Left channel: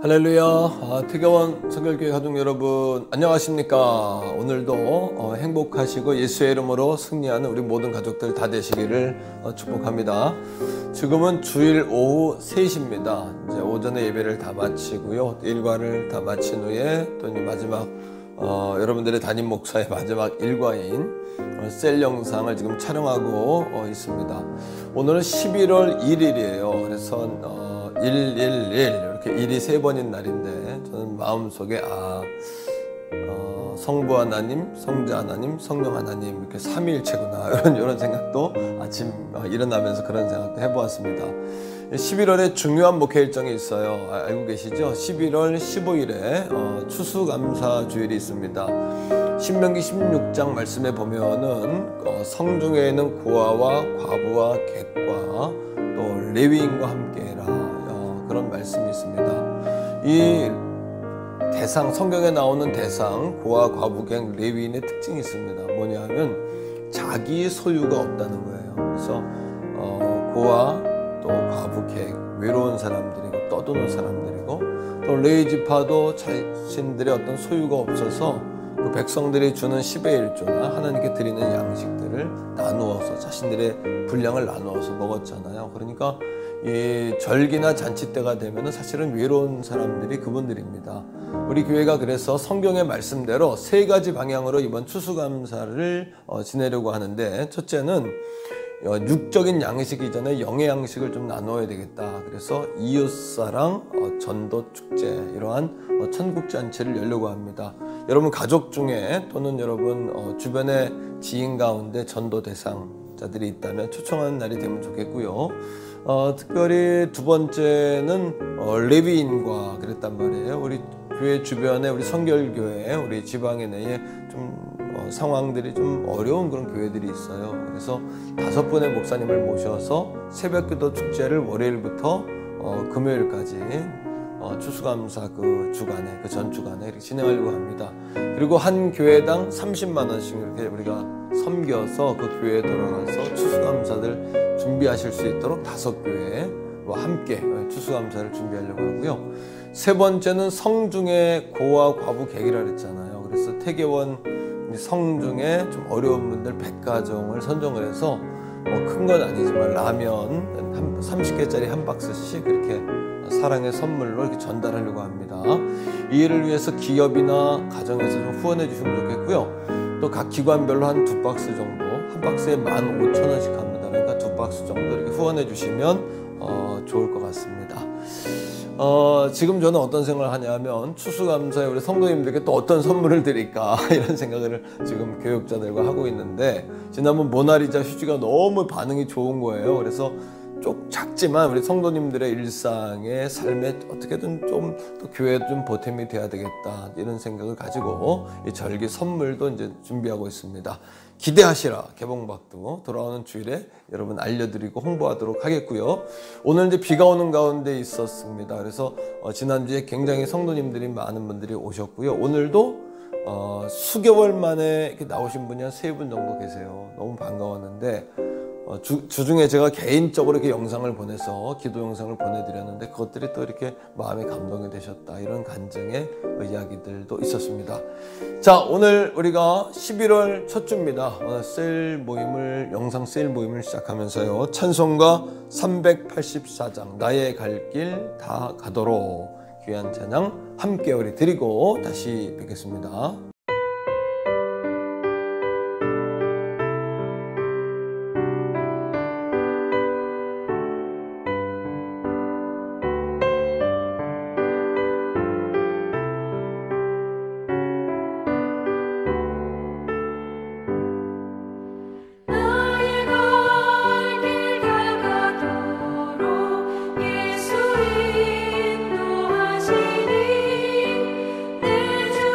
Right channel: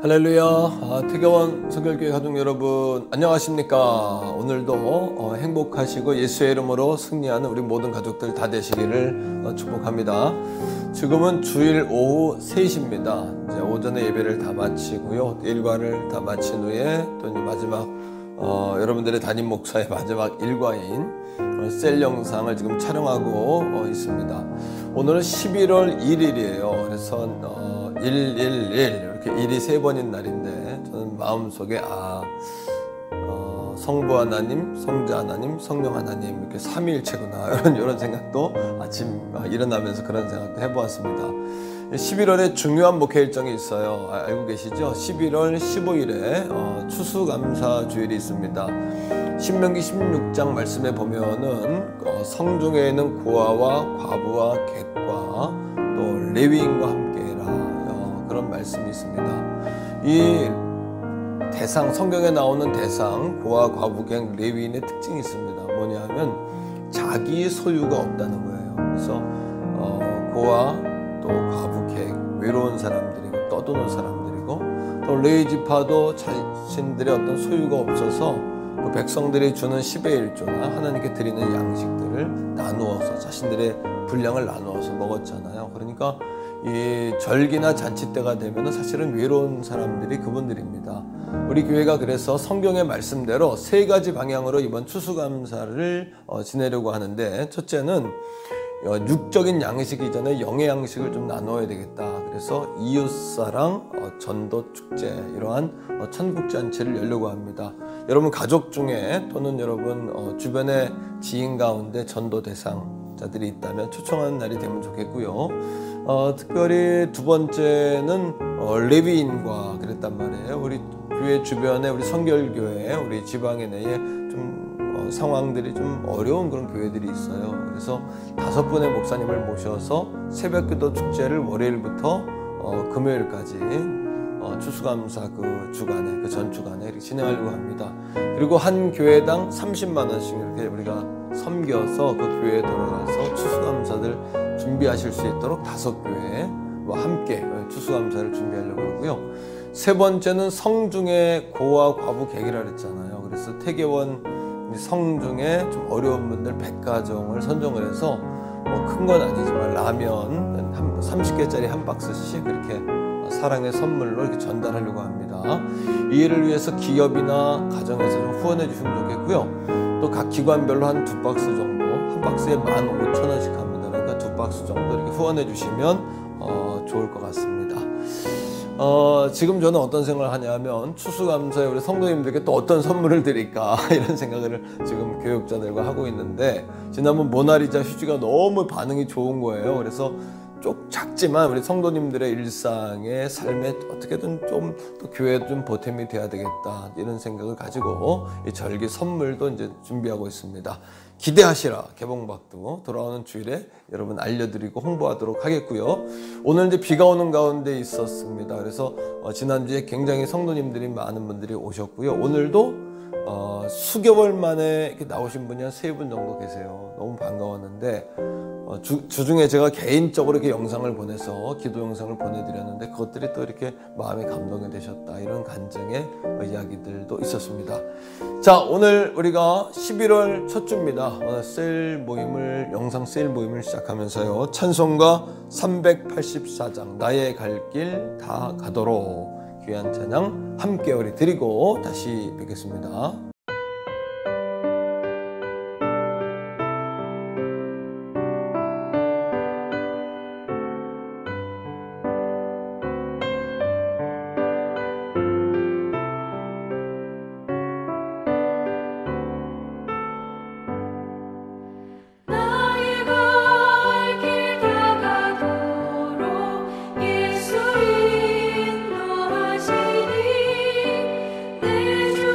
할렐루야. 태교원 성결교회 가족 여러분 안녕하십니까. 오늘도 행복하시고 예수의 이름으로 승리하는 우리 모든 가족들 다 되시기를 축복합니다. 지금은 주일 오후 3시입니다. 이제 오전에 예배를 다 마치고요, 일과를 다 마친 후에 또 이제 마지막 여러분들의 담임 목사의 마지막 일과인 셀 영상을 지금 촬영하고 있습니다. 오늘은 11월 1일이에요. 그래서 111 이렇게 일이 3번인 날인데 저는 마음속에 성부 하나님, 성자 하나님, 성령 하나님 이렇게 삼위일체구나 이런 생각도 아침 일어나면서 그런 생각도 해보았습니다. 11월에 중요한 목회 일정이 있어요. 알고 계시죠? 11월 15일에 추수감사주일이 있습니다. 신명기 16장 말씀에 보면은 성중에 있는 고아와 과부와 객과 또 레위인과 함께라 그런 말씀이 있습니다. 이 대상, 성경에 나오는 대상, 고아, 과부, 객, 레위인의 특징이 있습니다. 뭐냐면 자기 소유가 없다는 거예요. 그래서 고아, 또 과부, 객, 외로운 사람들이고 떠도는 사람들이고 또 레위 지파도 자신들의 어떤 소유가 없어서 그 백성들이 주는 10의 1조나 하나님께 드리는 양식들을 나누어서 자신들의 분량을 나누어서 먹었잖아요. 그러니까 이 절기나 잔치 때가 되면 사실은 외로운 사람들이 그분들입니다. 우리 교회가 그래서 성경의 말씀대로 3가지 방향으로 이번 추수감사를 지내려고 하는데, 첫째는 육적인 양식이 이전에 영의 양식을 좀 나눠야 되겠다. 그래서 이웃사랑 전도 축제, 이러한 천국잔치를 열려고 합니다. 여러분 가족 중에 또는 여러분 주변의 지인 가운데 전도 대상자들이 있다면 초청하는 날이 되면 좋겠고요. 특별히 두 번째는 레위인과 그랬단 말이에요. 우리 교회 주변에 우리 성결교회, 우리 지방에 내에 좀 상황들이 좀 어려운 그런 교회들이 있어요. 그래서 5분의 목사님을 모셔서 새벽기도 축제를 월요일부터 금요일까지 추수감사 그 주간에, 그 전 주간에 이렇게 진행하려고 합니다. 그리고 한 교회당 30만 원씩 이렇게 우리가 섬겨서 그 교회에 돌아가서 추수감사들 준비하실 수 있도록 5교회와 함께 추수감사를 준비하려고 하고요. 세 번째는 성중에 고아, 과부, 객이라 그랬잖아요. 그래서 태교원 성중에 좀 어려운 분들 100가정을 선정을 해서 큰 건 아니지만 라면 30개짜리 한 박스씩 그렇게 사랑의 선물로 이렇게 전달하려고 합니다. 이 일을 위해서 기업이나 가정에서 좀 후원해 주시면 좋겠고요. 또 각 기관별로 한 2박스 정도, 한 박스에 15,000원씩 합니다. 그러니까 2박스 정도 이렇게 후원해 주시면 좋을 것 같습니다. 지금 저는 어떤 생각을 하냐면 추수감사에 우리 성도님들께 또 어떤 선물을 드릴까 이런 생각을 지금 교육자들과 하고 있는데, 지난번 모나리자 휴지가 너무 반응이 좋은 거예요. 그래서 좀 작지만 우리 성도님들의 일상의 삶에 어떻게든 좀 또 교회도 좀 보탬이 돼야 되겠다 이런 생각을 가지고 이 절기 선물도 이제 준비하고 있습니다. 기대하시라. 개봉박도 돌아오는 주일에 여러분 알려드리고 홍보하도록 하겠고요. 오늘 이제 비가 오는 가운데 있었습니다. 그래서 지난주에 굉장히 성도님들이 많은 분들이 오셨고요. 오늘도 수개월 만에 이렇게 나오신 분이 한 3분 정도 계세요. 너무 반가웠는데 주중에 제가 개인적으로 이렇게 영상을 보내서 기도 영상을 보내드렸는데 그것들이 또 이렇게 마음에 감동이 되셨다, 이런 간증의 이야기들도 있었습니다. 자, 오늘 우리가 11월 첫 주입니다. 세일 모임을, 영상 세일 모임을 시작하면서요, 찬송가 384장 나의 갈 길 다 가도록 귀한 찬양 함께 우리 드리고 다시 뵙겠습니다. 내 주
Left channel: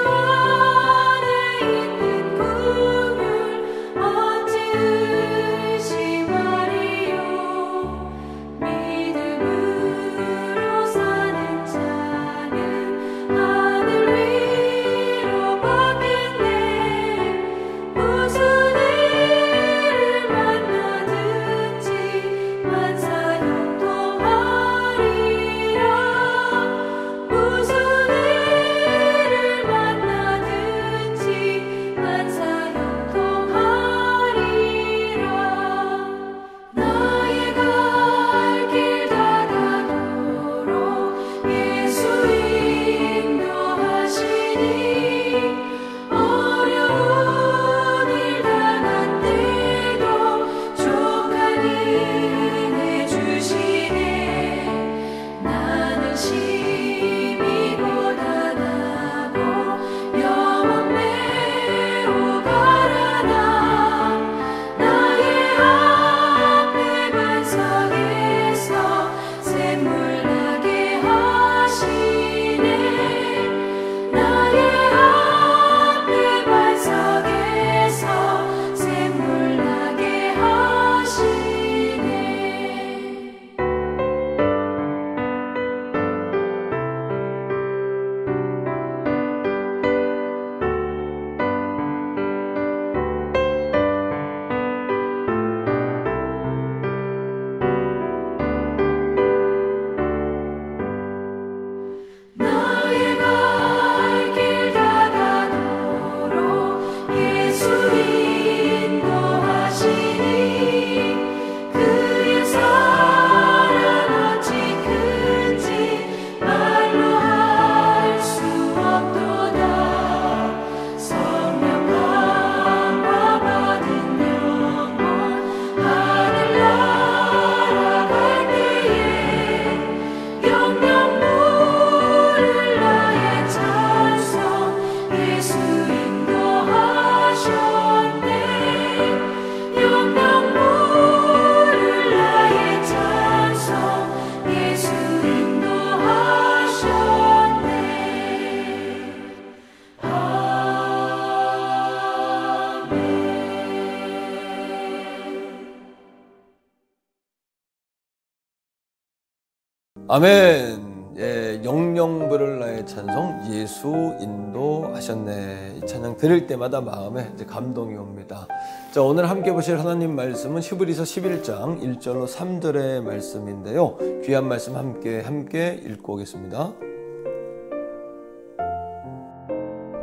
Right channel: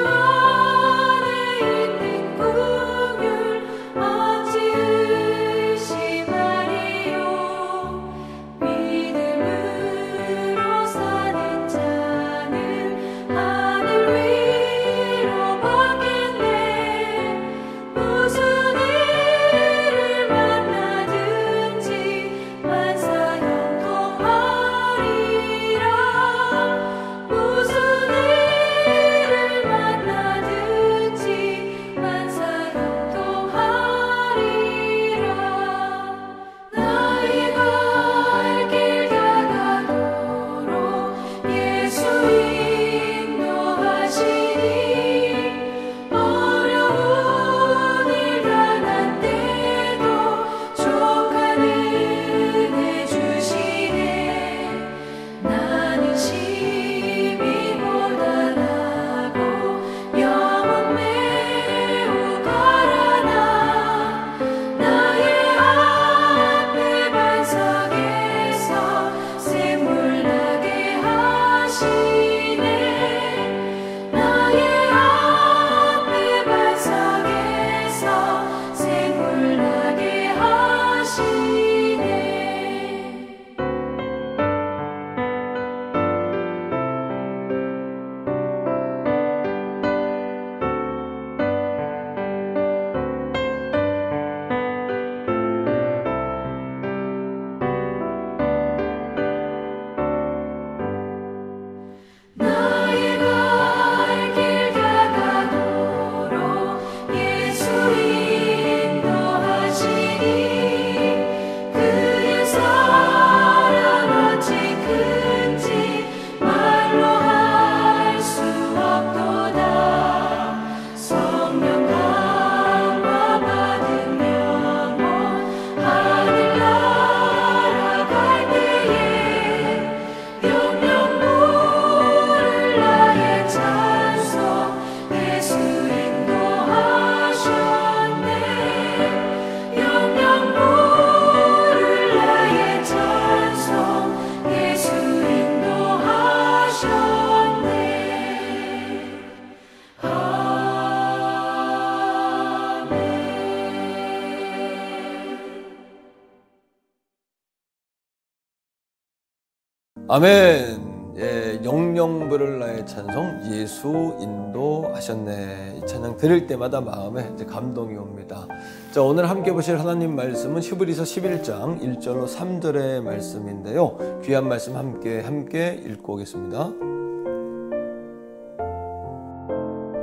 아멘. 예, 영영 부를 나의 찬송 예수 인도하셨네. 이 찬양 들을 때마다 마음에 이제 감동이 옵니다. 자, 오늘 함께 보실 하나님 말씀은 히브리서 11장 1절로 3절의 말씀인데요. 귀한 말씀 함께 읽고 오겠습니다.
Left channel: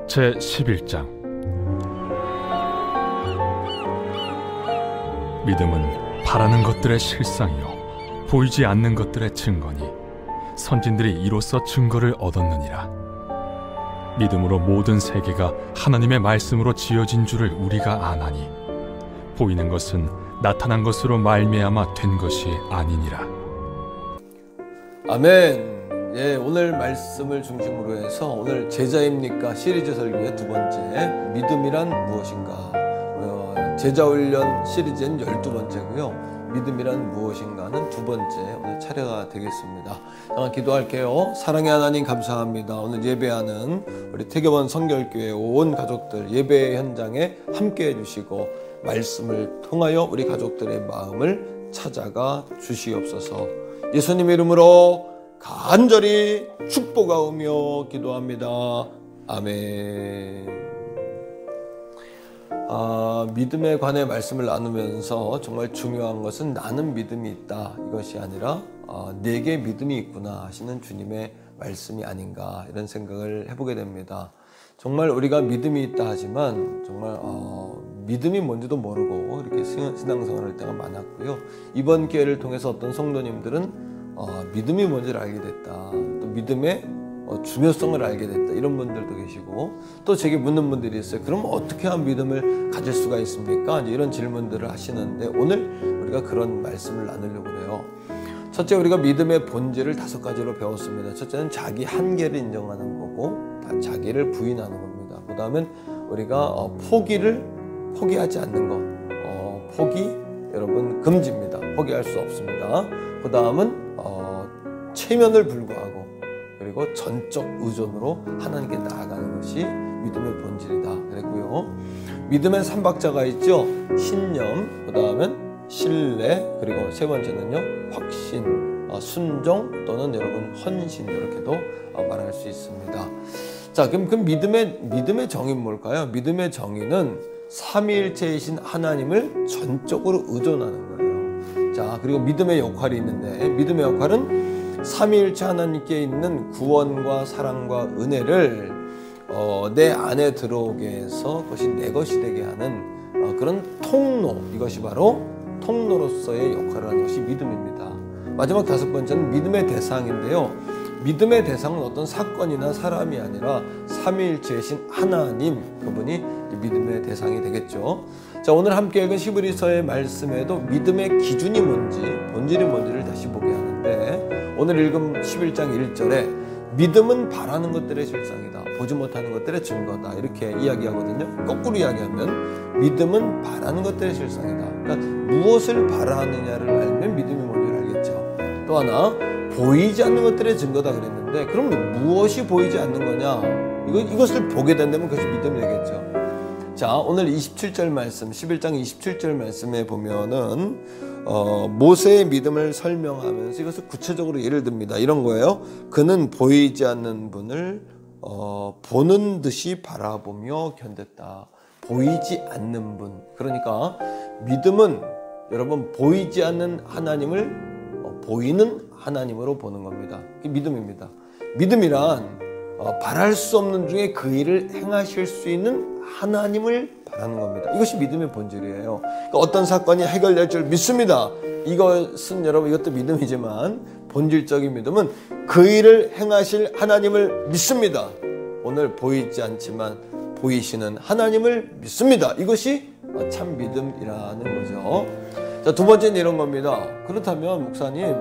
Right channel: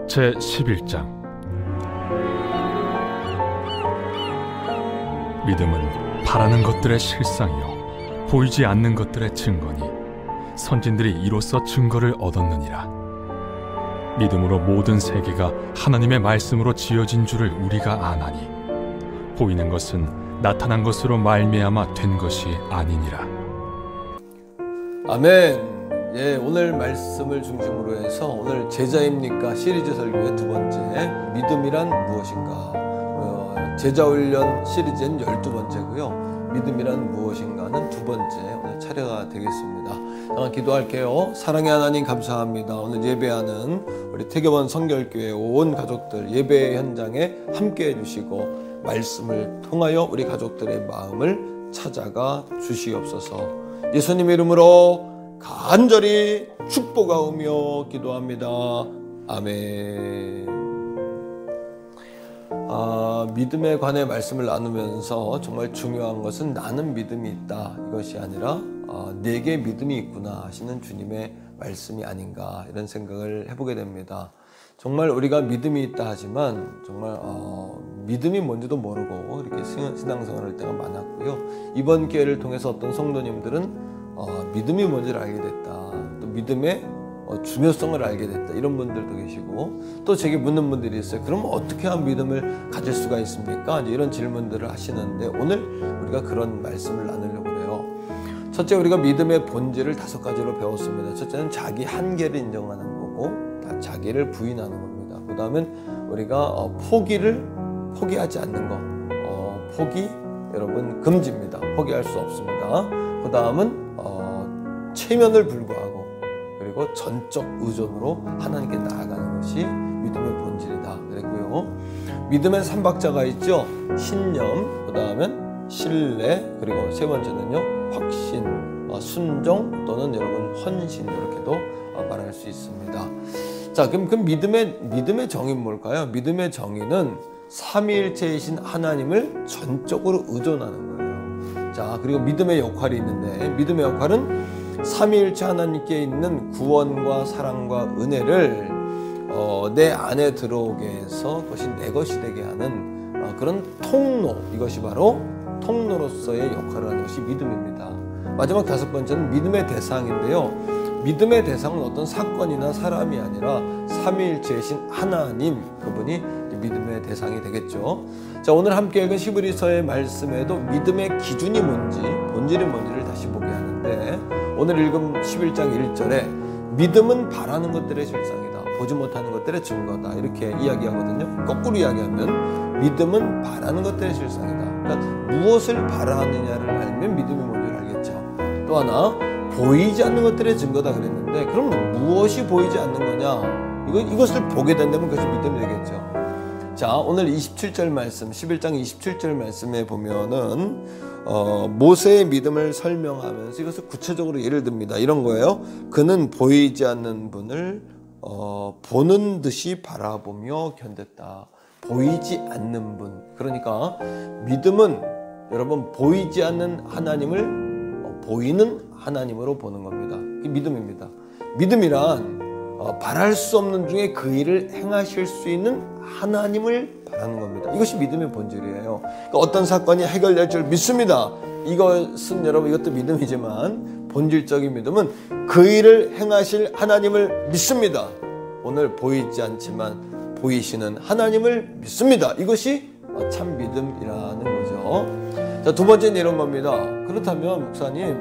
제 11장. 믿음은 바라는 것들의 실상이요 보이지 않는 것들의 증거니 선진들이 이로써 증거를 얻었느니라. 믿음으로 모든 세계가 하나님의 말씀으로 지어진 줄을 우리가 아나니 보이는 것은 나타난 것으로 말미암아 된 것이 아니니라. 아멘. 예, 오늘 말씀을 중심으로 해서 오늘 제자입니까 시리즈 설교의 두 번째, 믿음이란 무엇인가. 제자훈련 시리즈는 12번째고요. 믿음이란 무엇인가는 두 번째 오늘 차례가 되겠습니다. 기도할게요. 사랑의 하나님 감사합니다. 오늘 예배하는 우리 태교원 성결교회 온 가족들 예배 현장에 함께 해주시고 말씀을 통하여 우리 가족들의 마음을 찾아가 주시옵소서. 예수님 이름으로 간절히 축복하오며 기도합니다. 아멘. 믿음에 관해 말씀을 나누면서 정말 중요한 것은 나는 믿음이 있다 이것이 아니라 내게 믿음이 있구나 하시는 주님의 말씀이 아닌가 이런 생각을 해보게 됩니다. 정말 우리가 믿음이 있다 하지만 정말 믿음이 뭔지도 모르고 이렇게 신앙생활을 할 때가 많았고요. 이번 기회를 통해서 어떤 성도님들은 믿음이 뭔지를 알게 됐다, 또 믿음의 중요성을 알게 됐다 이런 분들도 계시고, 또 제게 묻는 분들이 있어요. 그럼 어떻게 하면 믿음을 가질 수가 있습니까? 이제 이런 질문들을 하시는데 오늘 우리가 그런 말씀을 나누려고 해요. 첫째, 우리가 믿음의 본질을 5가지로 배웠습니다. 첫째는 자기 한계를 인정하는 거고 자기를 부인하는 겁니다. 그 다음엔 우리가 포기하지 않는 거. 포기 여러분 금지입니다. 포기할 수 없습니다. 그 다음은 체면을 불구하고 그리고 전적 의존으로 하나님께 나아가는 것이 믿음의 본질이다 그랬고요. 믿음의 3박자가 있죠. 신념, 그 다음엔 신뢰, 그리고 세 번째는요 확신, 순종 또는 여러분 헌신, 이렇게도 말할 수 있습니다. 자, 그럼 그 믿음의 정의는 뭘까요? 믿음의 정의는 삼위일체이신 하나님을 전적으로 의존하는 거예요. 자, 그리고 믿음의 역할이 있는데 믿음의 역할은 삼위일체 하나님께 있는 구원과 사랑과 은혜를 내 안에 들어오게 해서 그것이 내 것이 되게 하는 그런 통로, 이것이 바로 통로로서의 역할을 하는 것이 믿음입니다. 마지막 5번째는 믿음의 대상인데요. 믿음의 대상은 어떤 사건이나 사람이 아니라 삼위일체이신 하나님, 그분이 믿음의 대상이 되겠죠. 자, 오늘 함께 읽은 히브리서의 말씀에도 믿음의 기준이 뭔지, 본질이 뭔지를 다시 보게 하는데, 오늘 읽은 11장 1절에 믿음은 바라는 것들의 실상이다, 보지 못하는 것들의 증거다, 이렇게 이야기하거든요. 거꾸로 이야기하면 믿음은 바라는 것들의 실상이다. 그러니까 무엇을 바라느냐를 알면 믿음이 뭔지를 알겠죠. 또 하나, 보이지 않는 것들의 증거다 그랬는데, 그럼 무엇이 보이지 않는 거냐? 이것을 보게 된다면 그것이 믿음이 되겠죠. 자, 오늘 27절 말씀, 11장 27절 말씀에 보면은 모세의 믿음을 설명하면서 이것을 구체적으로 예를 듭니다. 이런 거예요. 그는 보이지 않는 분을 보는 듯이 바라보며 견뎠다. 보이지 않는 분. 그러니까 믿음은 여러분 보이지 않는 하나님을 보이는 하나님으로 보는 겁니다. 그게 믿음입니다. 믿음이란 바랄 수 없는 중에 그 일을 행하실 수 있는 하나님을 바라는 겁니다. 이것이 믿음의 본질이에요. 그러니까 어떤 사건이 해결될 줄 믿습니다. 이것은 여러분 이것도 믿음이지만 본질적인 믿음은 그 일을 행하실 하나님을 믿습니다. 오늘 보이지 않지만 보이시는 하나님을 믿습니다. 이것이 참 믿음이라는 거죠. 자, 두 번째는 이런 겁니다. 그렇다면 목사님,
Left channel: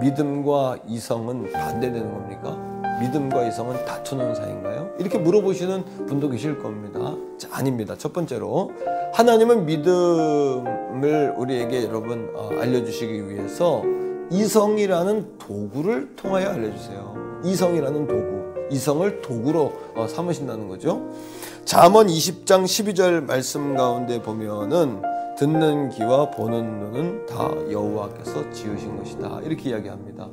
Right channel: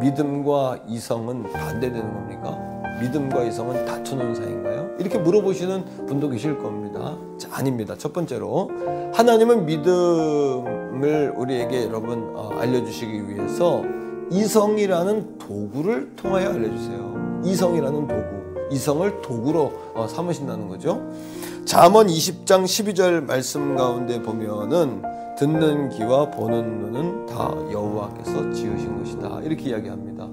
믿음과 이성은 반대되는 겁니까? 믿음과 이성은 다투는 사이인가요? 이렇게 물어보시는 분도 계실 겁니다. 자, 아닙니다. 첫 번째로 하나님은 믿음을 우리에게 여러분 알려주시기 위해서 이성이라는 도구를 통하여 알려주세요. 이성이라는 도구, 이성을 도구로 삼으신다는 거죠. 잠언 20장 12절 말씀 가운데 보면은 듣는 귀와 보는 눈은 다 여호와께서 지으신 것이다, 이렇게 이야기합니다.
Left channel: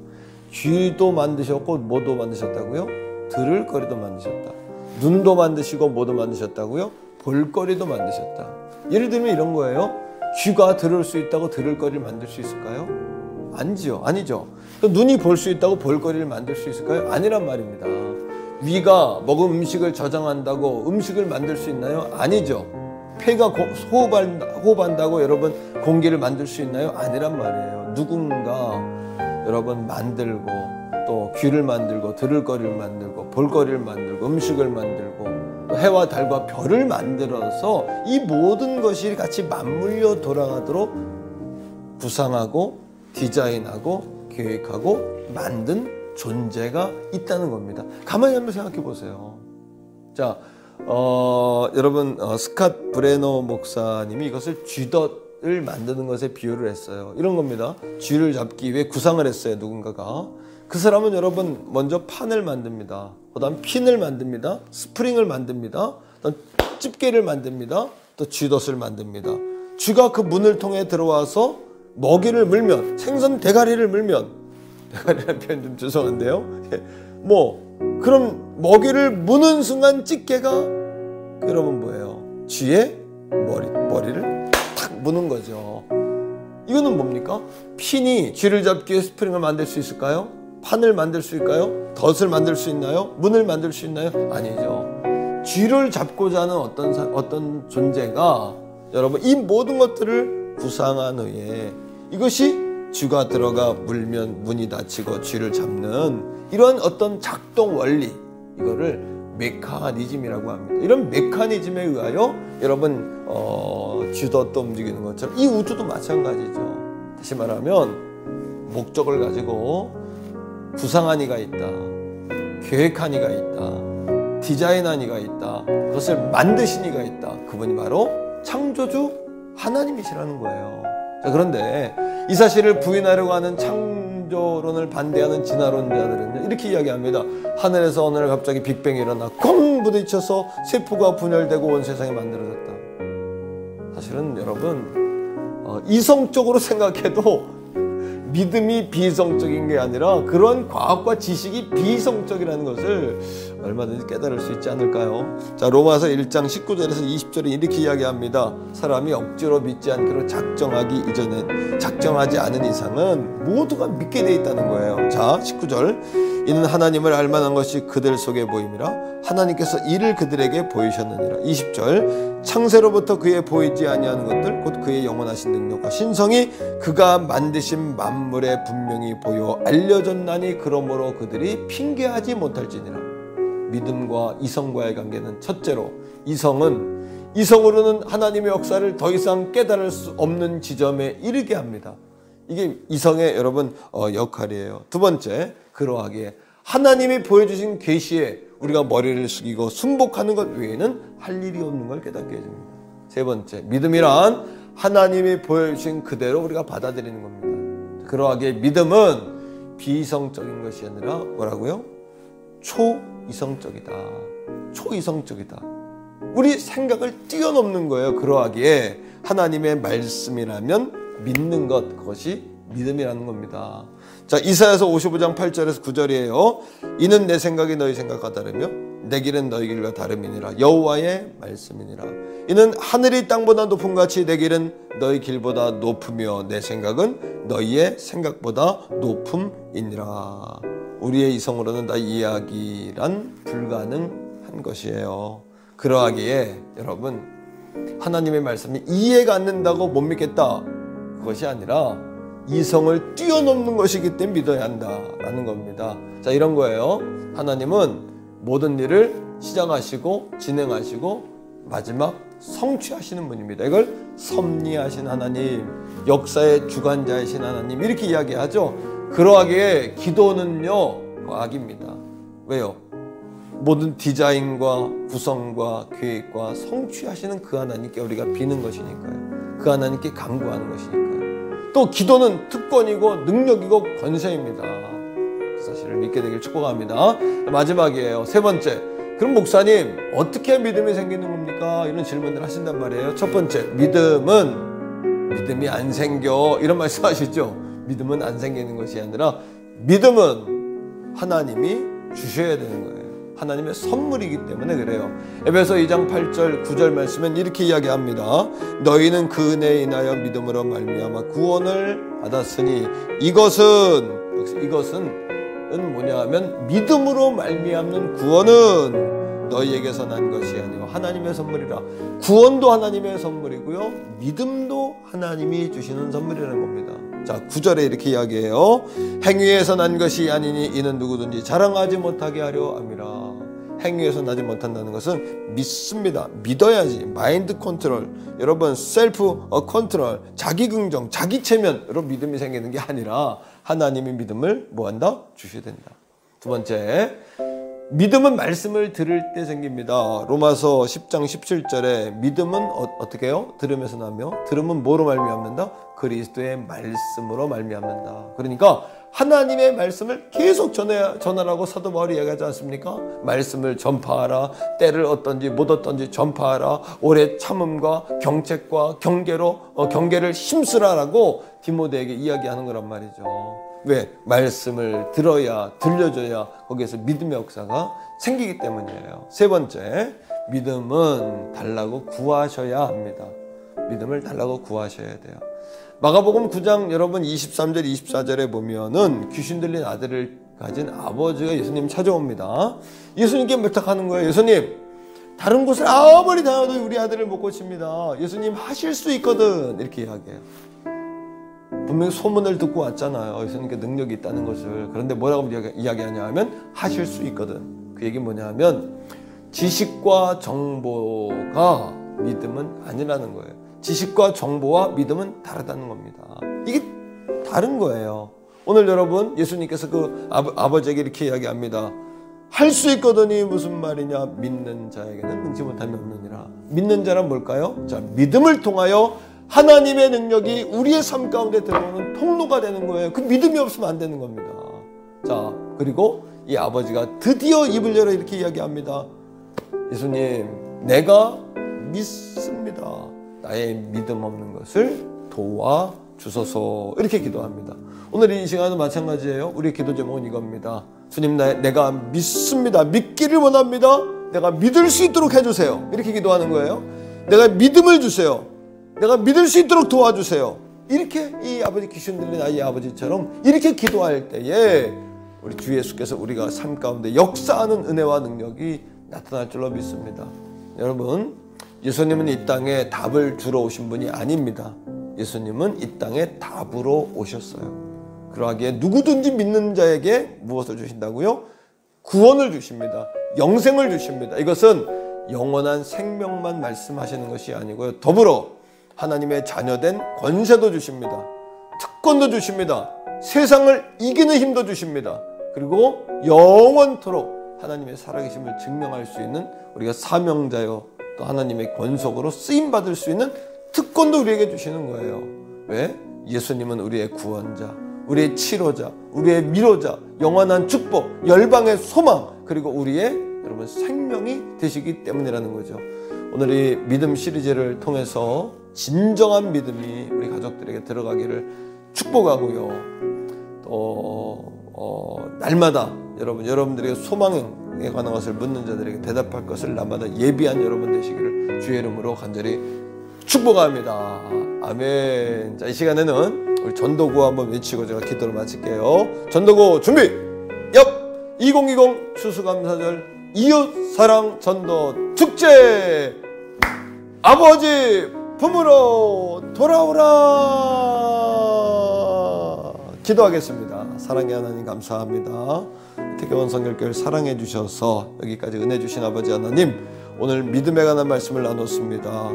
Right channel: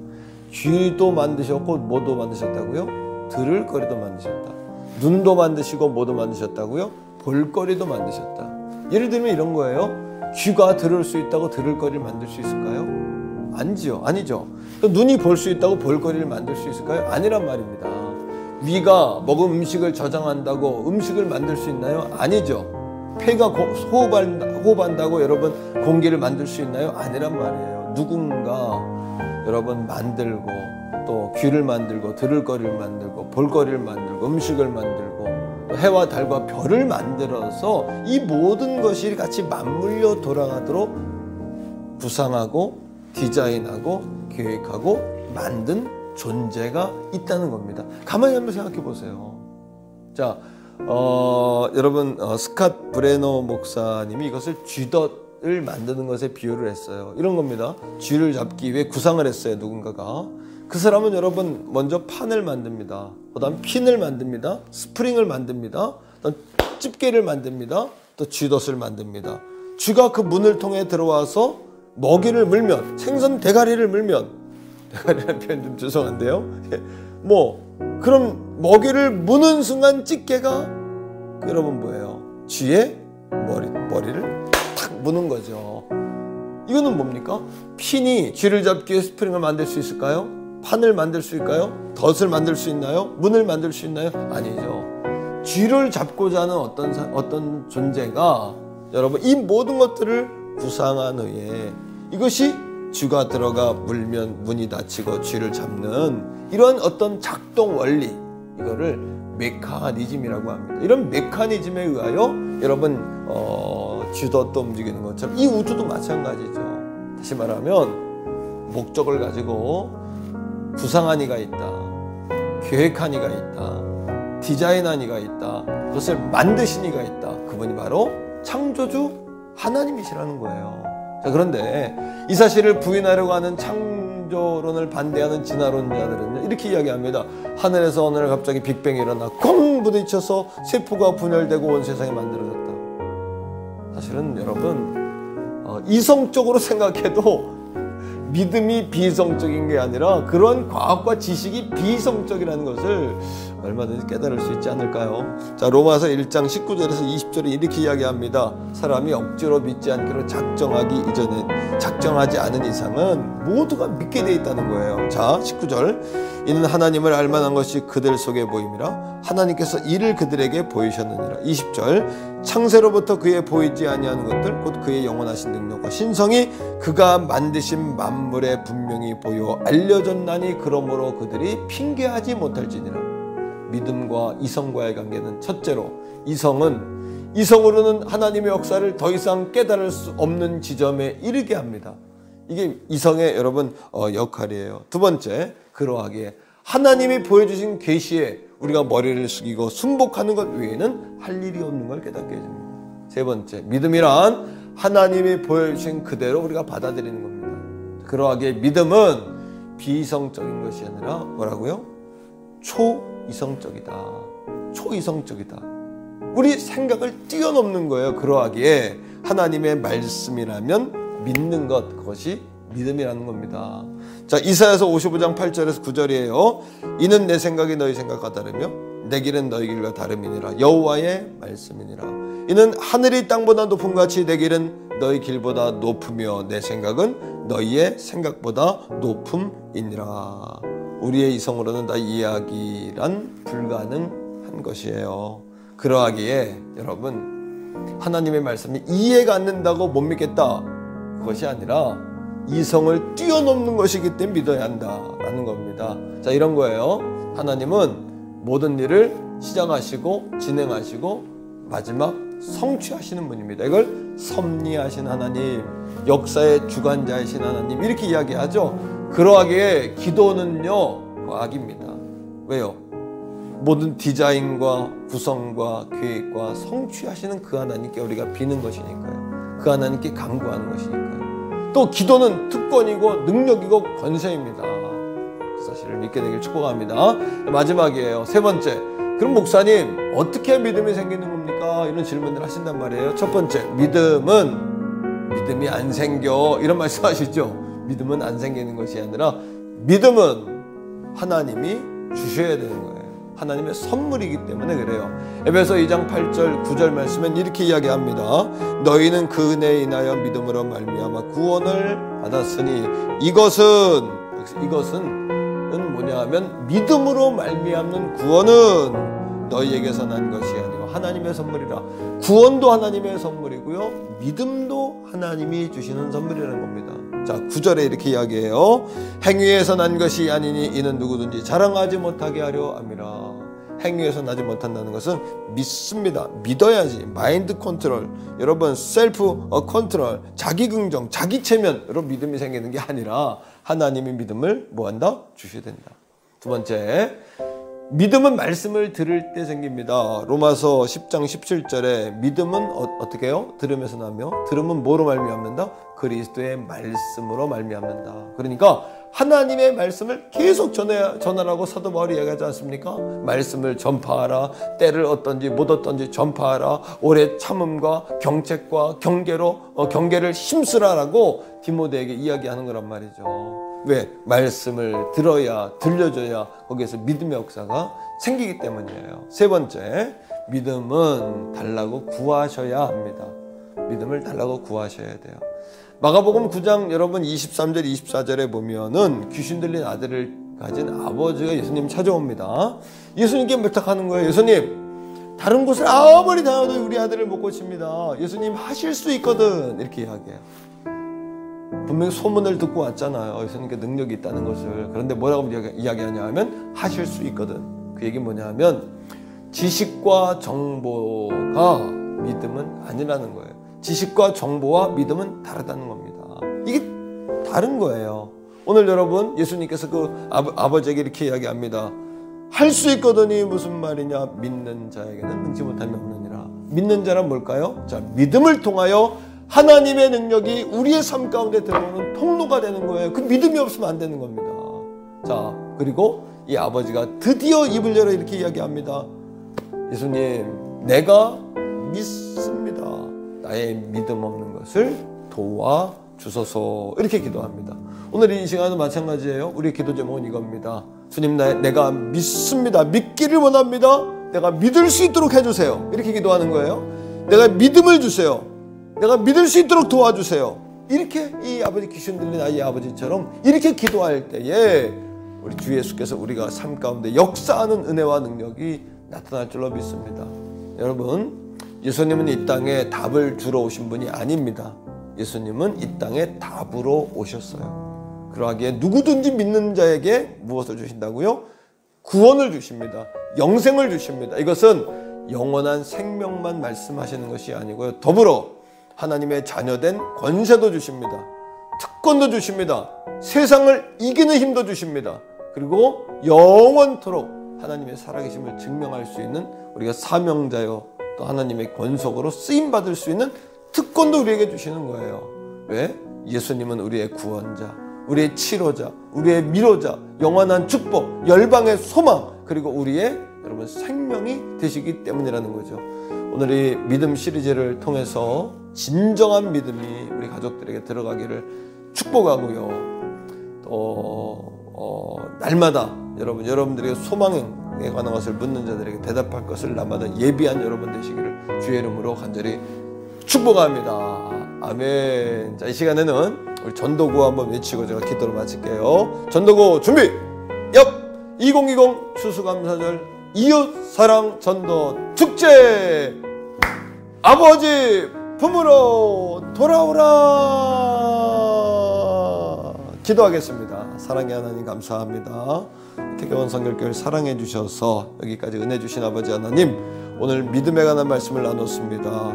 귀도 만드셨고 뭐도 만드셨다고요? 들을 거리도 만드셨다. 눈도 만드시고 뭐도 만드셨다고요? 볼거리도 만드셨다. 예를 들면 이런 거예요. 귀가 들을 수 있다고 들을 거리를 만들 수 있을까요? 아니죠. 눈이 볼 수 있다고 볼거리를 만들 수 있을까요? 아니란 말입니다. 위가 먹은 음식을 저장한다고 음식을 만들 수 있나요? 아니죠. 폐가 호흡한다고 여러분 공기를 만들 수 있나요? 아니란 말이에요. 누군가 여러분 만들고 또 귀를 만들고 들을 거리를 만들고 볼 거리를 만들고 음식을 만들고 또 해와 달과 별을 만들어서 이 모든 것이 같이 맞물려 돌아가도록 구상하고 디자인하고 계획하고 만든 존재가 있다는 겁니다. 가만히 한번 생각해 보세요. 자, 여러분 스캇 브레너 목사님이 이것을 쥐덫을 만드는 것에 비유를 했어요. 이런 겁니다. 쥐를 잡기 위해 구상을 했어요. 누군가가. 그 사람은 여러분 먼저 판을 만듭니다. 그 다음 핀을 만듭니다. 스프링을 만듭니다. 그다음 집게를 만듭니다. 또 쥐덫을 만듭니다. 쥐가 그 문을 통해 들어와서 먹이를 물면, 생선 대가리를 물면, 대가리라는 표현 좀 죄송한데요. 그럼 먹이를 무는 순간 집게가 여러분 뭐예요? 쥐의 머리를 탁 무는 거죠. 이거는 뭡니까? 핀이 쥐를 잡기 위해 스프링을 만들 수 있을까요? 판을 만들 수 있을까요? 덫을 만들 수 있나요? 문을 만들 수 있나요? 아니죠. 쥐를 잡고자 하는 어떤 존재가 여러분 이 모든 것들을 구상한 후에 이것이 쥐가 들어가 물면 문이 닫히고 쥐를 잡는 이런 어떤 작동 원리, 이거를 메커니즘이라고 합니다. 이런 메커니즘에 의하여 여러분 쥐덫도 움직이는 것처럼 이 우주도 마찬가지죠. 다시 말하면 목적을 가지고 구상한 이가 있다, 계획한 이가 있다, 디자인한 이가 있다, 그것을 만드신 이가 있다. 그분이 바로 창조주 하나님이시라는 거예요. 자, 그런데 이 사실을 부인하려고 하는 창조론을 반대하는 진화론자들은 이렇게 이야기합니다. 하늘에서 어느 날 갑자기 빅뱅이 일어나 꽁 부딪혀서 세포가 분열되고 온 세상이 만들어졌다. 사실은 여러분 이성적으로 생각해도 믿음이 비이성적인 게 아니라 그런 과학과 지식이 비이성적이라는 것을 얼마든지 깨달을 수 있지 않을까요? 자, 로마서 1장 19절에서 20절에 이렇게 이야기합니다. 사람이 억지로 믿지 않기로 작정하지 않은 이상은 모두가 믿게 돼 있다는 거예요. 자, 19절. 이는 하나님을 알만한 것이 그들 속에 보임이라 하나님께서 이를 그들에게 보이셨느니라. 20절. 창세로부터 그의 보이지 아니하는 것들 곧 그의 영원하신 능력과 신성이 그가 만드신 만물에 분명히 보여 알려졌나니 그러므로 그들이 핑계하지 못할지니라. 믿음과 이성과의 관계는 첫째로 이성으로는 하나님의 역사를 더 이상 깨달을 수 없는 지점에 이르게 합니다. 이게 이성의 여러분 역할이에요. 두 번째, 그러하기에 하나님이 보여주신 계시에 우리가 머리를 숙이고 순복하는 것 외에는 할 일이 없는 걸 깨닫게 해줍니다. 세 번째, 믿음이란 하나님이 보여주신 그대로 우리가 받아들이는 겁니다. 그러하기에 믿음은 비이성적인 것이 아니라 뭐라고요? 초이성적이다. 우리 생각을 뛰어넘는 거예요. 그러하기에 하나님의 말씀이라면 믿는 것, 그것이 믿음이라는 겁니다. 자, 이사야서 55장 8절에서 9절이에요. 이는 내 생각이 너희 생각과 다르며 내 길은 너희 길과 다름이니라. 여호와의 말씀이니라. 이는 하늘이 땅보다 높음 같이 내 길은 너희 길보다 높으며 내 생각은 너희의 생각보다 높음이니라. 우리의 이성으로는 다 이야기란 불가능한 것이에요. 그러하기에 여러분 하나님의 말씀이 이해가 안 된다고 못 믿겠다, 그것이 아니라 이성을 뛰어넘는 것이기 때문에 믿어야 한다라는 겁니다. 자, 이런 거예요. 하나님은 모든 일을 시작하시고 진행하시고 마지막 성취하시는 분입니다. 이걸 섭리하신 하나님, 역사의 주관자이신 하나님, 이렇게 이야기하죠. 그러하기에 기도는요 과학입니다. 왜요? 모든 디자인과 구성과 계획과 성취하시는 그 하나님께 우리가 비는 것이니까요. 그 하나님께 간구하는 것이니까요. 또 기도는 특권이고 능력이고 권세입니다. 그 사실을 믿게 되길 축복합니다. 마지막이에요. 세 번째, 그럼 목사님 어떻게 믿음이 생기는 겁니까? 이런 질문을 하신단 말이에요. 첫 번째, 믿음이 안 생겨, 이런 말씀하시죠. 믿음은 안 생기는 것이 아니라 믿음은 하나님이 주셔야 되는 거예요. 하나님의 선물이기 때문에 그래요. 에베소 2장 8절 9절 말씀은 이렇게 이야기합니다. 너희는 그 은혜에 인하여 믿음으로 말미암아 구원을 받았으니 이것은 뭐냐 하면 믿음으로 말미암는 구원은 너희에게서 난 것이 아니고 하나님의 선물이라. 구원도 하나님의 선물이고요, 믿음도 하나님이 주시는 선물이라는 겁니다. 자, 9절에 이렇게 이야기해요. 행위에서 난 것이 아니니 이는 누구든지 자랑하지 못하게 하려 함이라. 행위에서 나지 못한다는 것은 믿습니다. 믿어야지. 마인드 컨트롤, 여러분 셀프 컨트롤, 자기 긍정, 자기 체면으로 믿음이 생기는 게 아니라 하나님의 믿음을 뭐한다? 주셔야 된다. 두 번째, 믿음은 말씀을 들을 때 생깁니다. 로마서 10장 17절에 믿음은 어떻게 해요? 들으면서 나며, 들으면 뭐로 말미암는다? 그리스도의 말씀으로 말미암는다. 그러니까 하나님의 말씀을 계속 전하라고 사도 바울이 얘기하지 않습니까? 말씀을 전파하라. 때를 어떤지 못 어떤지 전파하라. 오래 참음과 경책과 경계를 힘쓰라라고 디모데에게 이야기하는 거란 말이죠. 왜? 말씀을 들려줘야 거기에서 믿음의 역사가 생기기 때문이에요. 세 번째, 믿음은 달라고 구하셔야 합니다. 믿음을 달라고 구하셔야 돼요. 마가복음 9장 여러분 23절 24절에 보면은 귀신 들린 아들을 가진 아버지가 예수님 찾아옵니다. 예수님께 부탁하는 거예요. 예수님, 다른 곳을 아무리 다녀도 우리 아들을 못 고칩니다. 예수님 하실 수 있거든. 이렇게 이야기해요. 분명히 소문을 듣고 왔잖아요. 예수님께 능력이 있다는 것을. 그런데 뭐라고 이야기하냐 하면 하실 수 있거든. 그 얘기는 뭐냐 하면 지식과 정보가 믿음은 아니라는 거예요. 지식과 정보와 믿음은 다르다는 겁니다. 이게 다른 거예요. 오늘 여러분, 예수님께서 그 아버지에게 이렇게 이야기합니다. 할 수 있거든이 무슨 말이냐? 믿는 자에게는 능치 못함이 없느니라. 믿는 자란 뭘까요? 자, 믿음을 통하여 하나님의 능력이 우리의 삶 가운데 들어오는 통로가 되는 거예요. 그 믿음이 없으면 안 되는 겁니다. 자, 그리고 이 아버지가 드디어 입을 열어 이렇게 이야기합니다. 예수님, 내가 믿습니다. 나의 믿음 없는 것을 도와주소서. 이렇게 기도합니다. 오늘 이 시간은 마찬가지예요. 우리의 기도 제목은 이겁니다. 주님, 내가 믿습니다. 믿기를 원합니다. 내가 믿을 수 있도록 해주세요. 이렇게 기도하는 거예요. 내가 믿음을 주세요. 내가 믿을 수 있도록 도와주세요. 이렇게 이 아버지, 귀신 들린 아이 아버지처럼 이렇게 기도할 때에 우리 주 예수께서 우리가 삶 가운데 역사하는 은혜와 능력이 나타날 줄로 믿습니다. 여러분, 예수님은 이 땅에 답을 주러 오신 분이 아닙니다. 예수님은 이 땅에 답으로 오셨어요. 그러하기에 누구든지 믿는 자에게 무엇을 주신다고요? 구원을 주십니다. 영생을 주십니다. 이것은 영원한 생명만 말씀하시는 것이 아니고요, 더불어 하나님의 자녀된 권세도 주십니다. 특권도 주십니다. 세상을 이기는 힘도 주십니다. 그리고 영원토록 하나님의 살아계심을 증명할 수 있는 우리가 사명자요, 또 하나님의 권속으로 쓰임받을 수 있는 특권도 우리에게 주시는 거예요. 왜? 예수님은 우리의 구원자, 우리의 치료자, 우리의 위로자, 영원한 축복, 열방의 소망, 그리고 우리의 여러분 생명이 되시기 때문이라는 거죠. 오늘 이 믿음 시리즈를 통해서 진정한 믿음이 우리 가족들에게 들어가기를 축복하고요. 또 날마다 여러분들에게 소망에 관한 것을 묻는 자들에게 대답할 것을 날마다 예비한 여러분 되시기를 주의 이름으로 간절히 축복합니다. 아멘. 자, 이 시간에는 우리 전도구 한번 외치고 제가 기도를 마칠게요. 전도구 준비! 2020 추수감사절 이웃사랑 전도 축제! 아버지 품으로 돌아오라! 기도하겠습니다. 사랑의 하나님 감사합니다. 태교원 성결교회를 사랑해 주셔서 여기까지 은혜 주신 아버지 하나님, 오늘 믿음에 관한 말씀을 나눴습니다.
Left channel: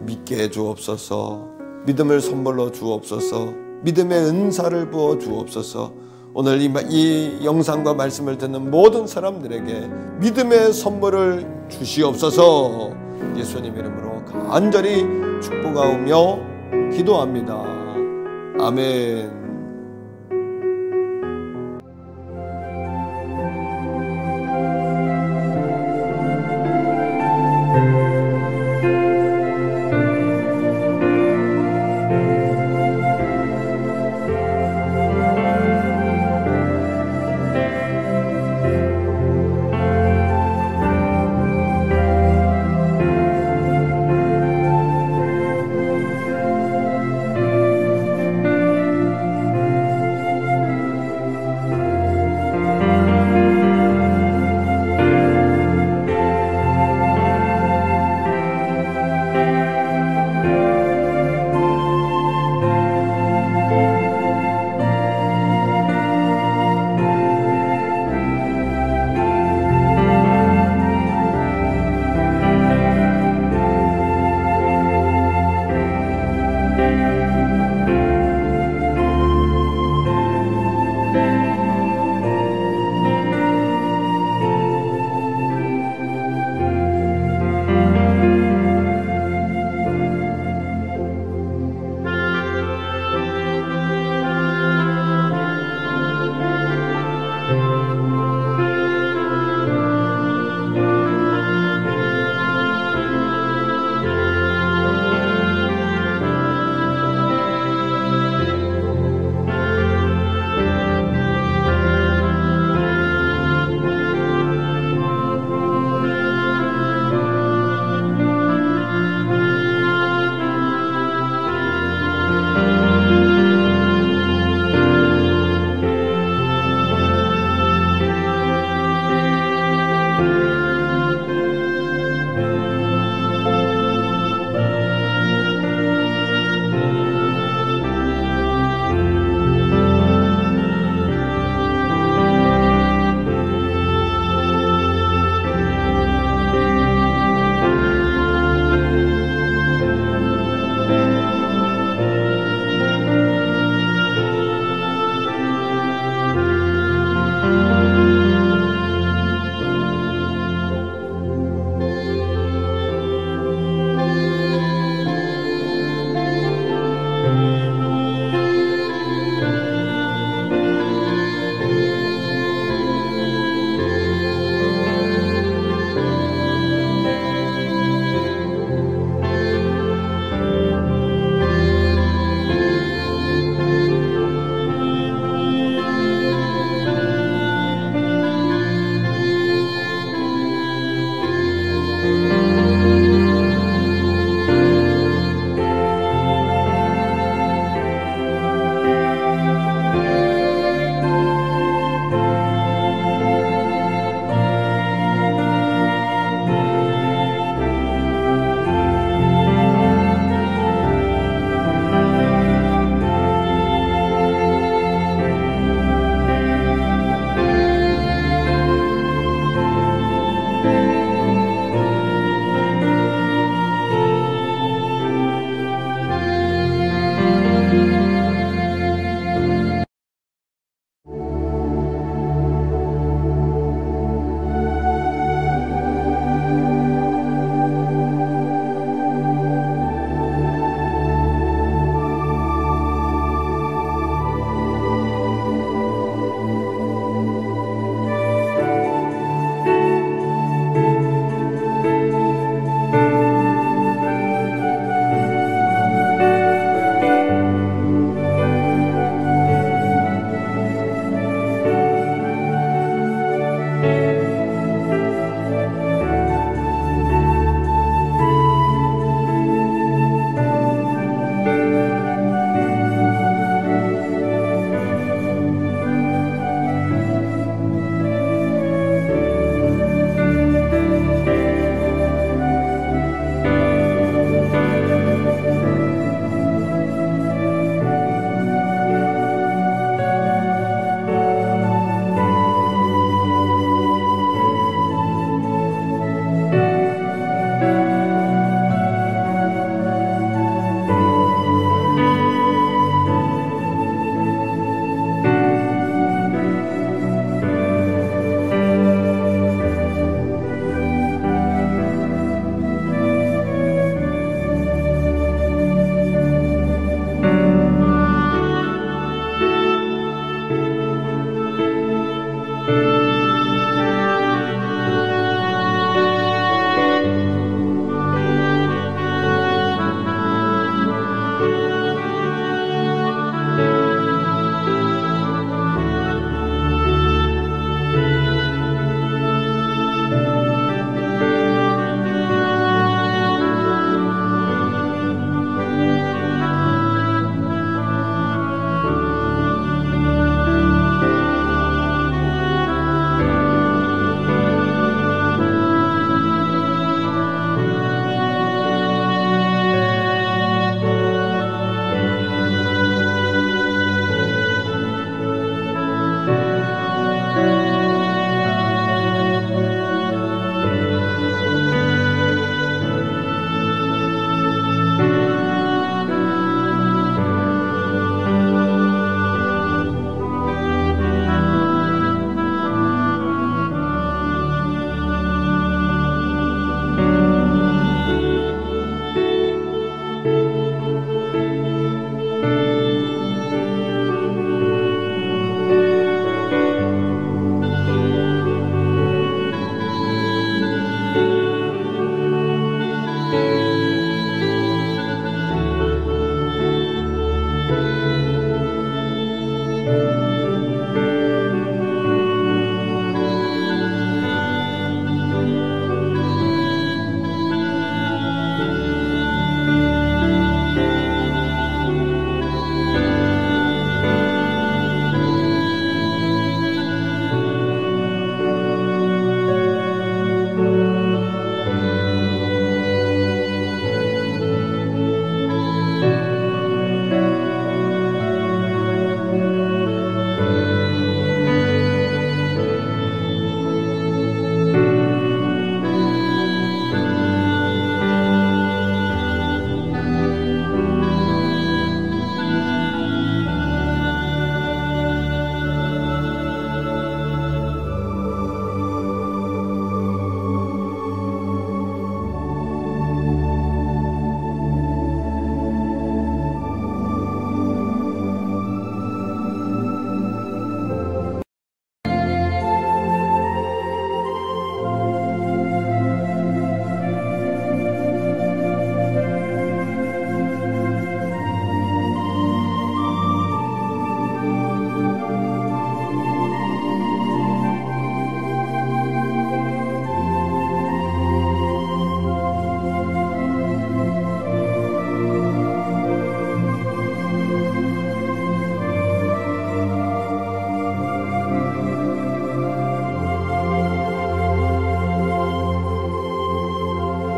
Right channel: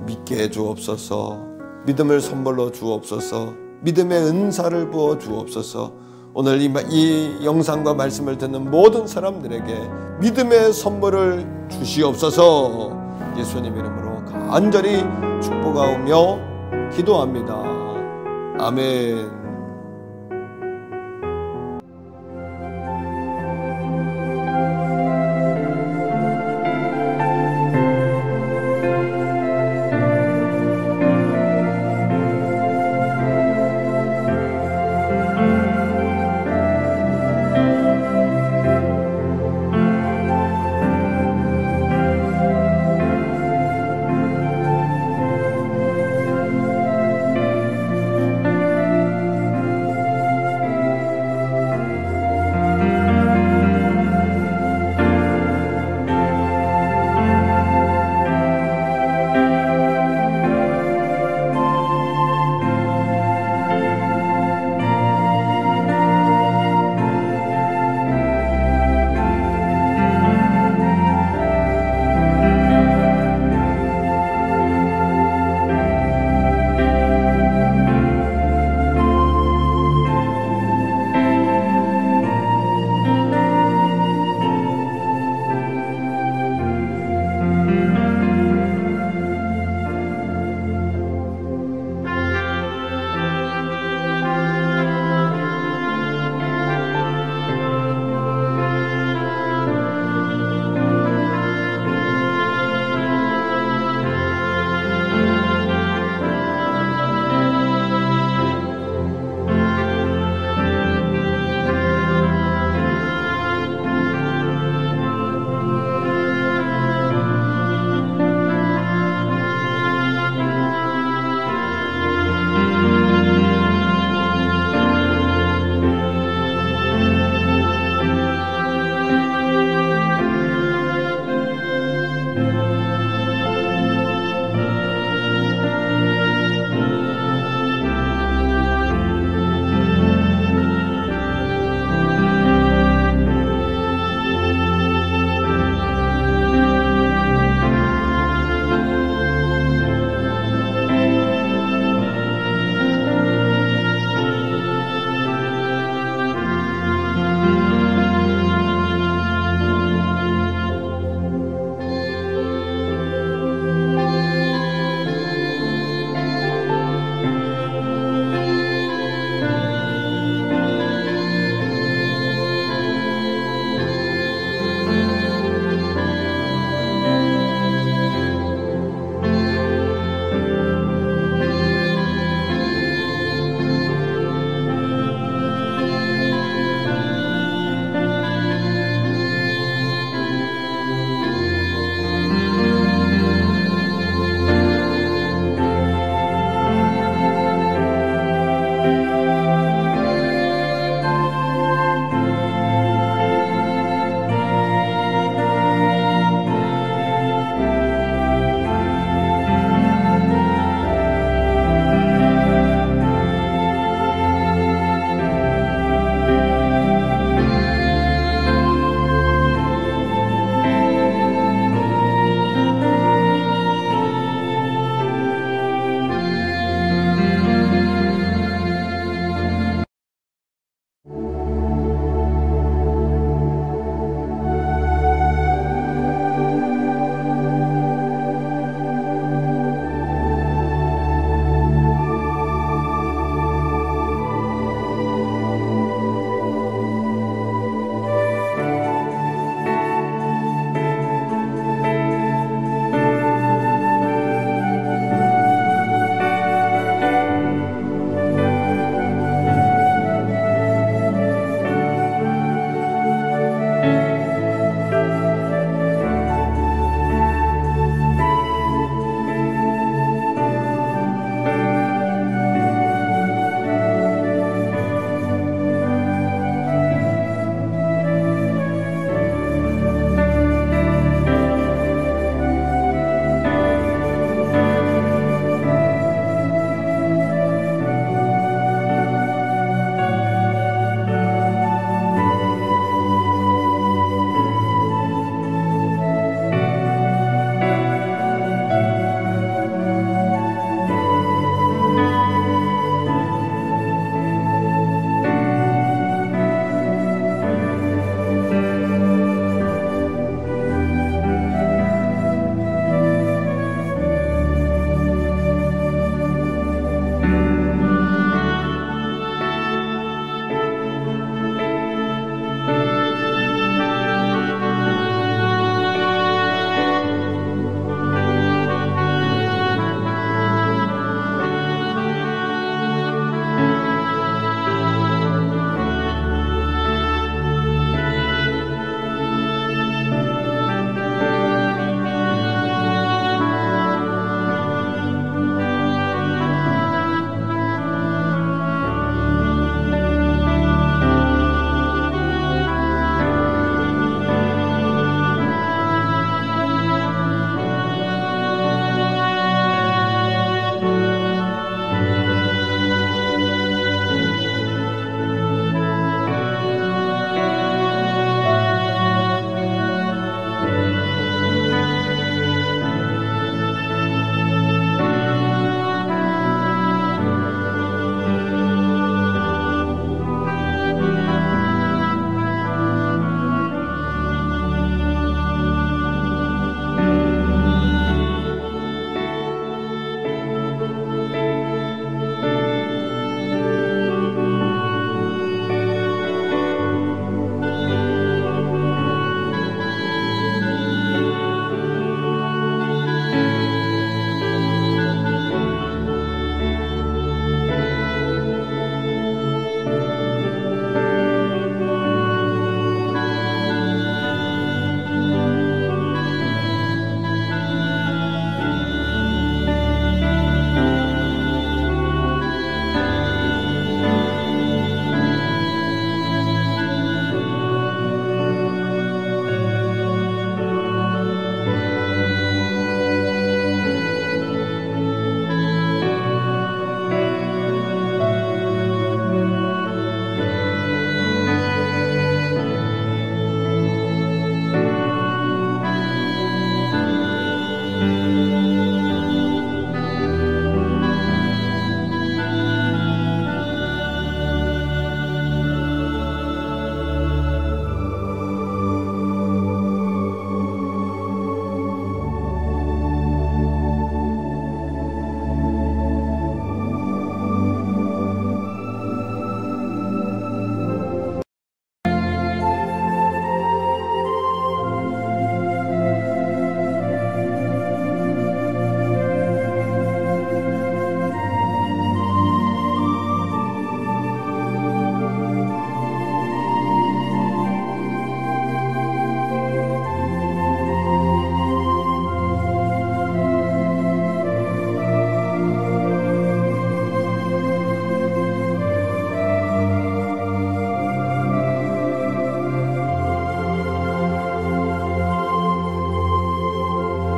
믿게 해 주옵소서. 믿음을 선물로 주옵소서. 믿음의 은사를 부어 주옵소서. 오늘 이 영상과 말씀을 듣는 모든 사람들에게 믿음의 선물을 주시옵소서. 예수님 이름으로 간절히 축복하오며 기도합니다. 아멘.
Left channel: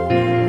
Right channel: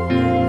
주세요.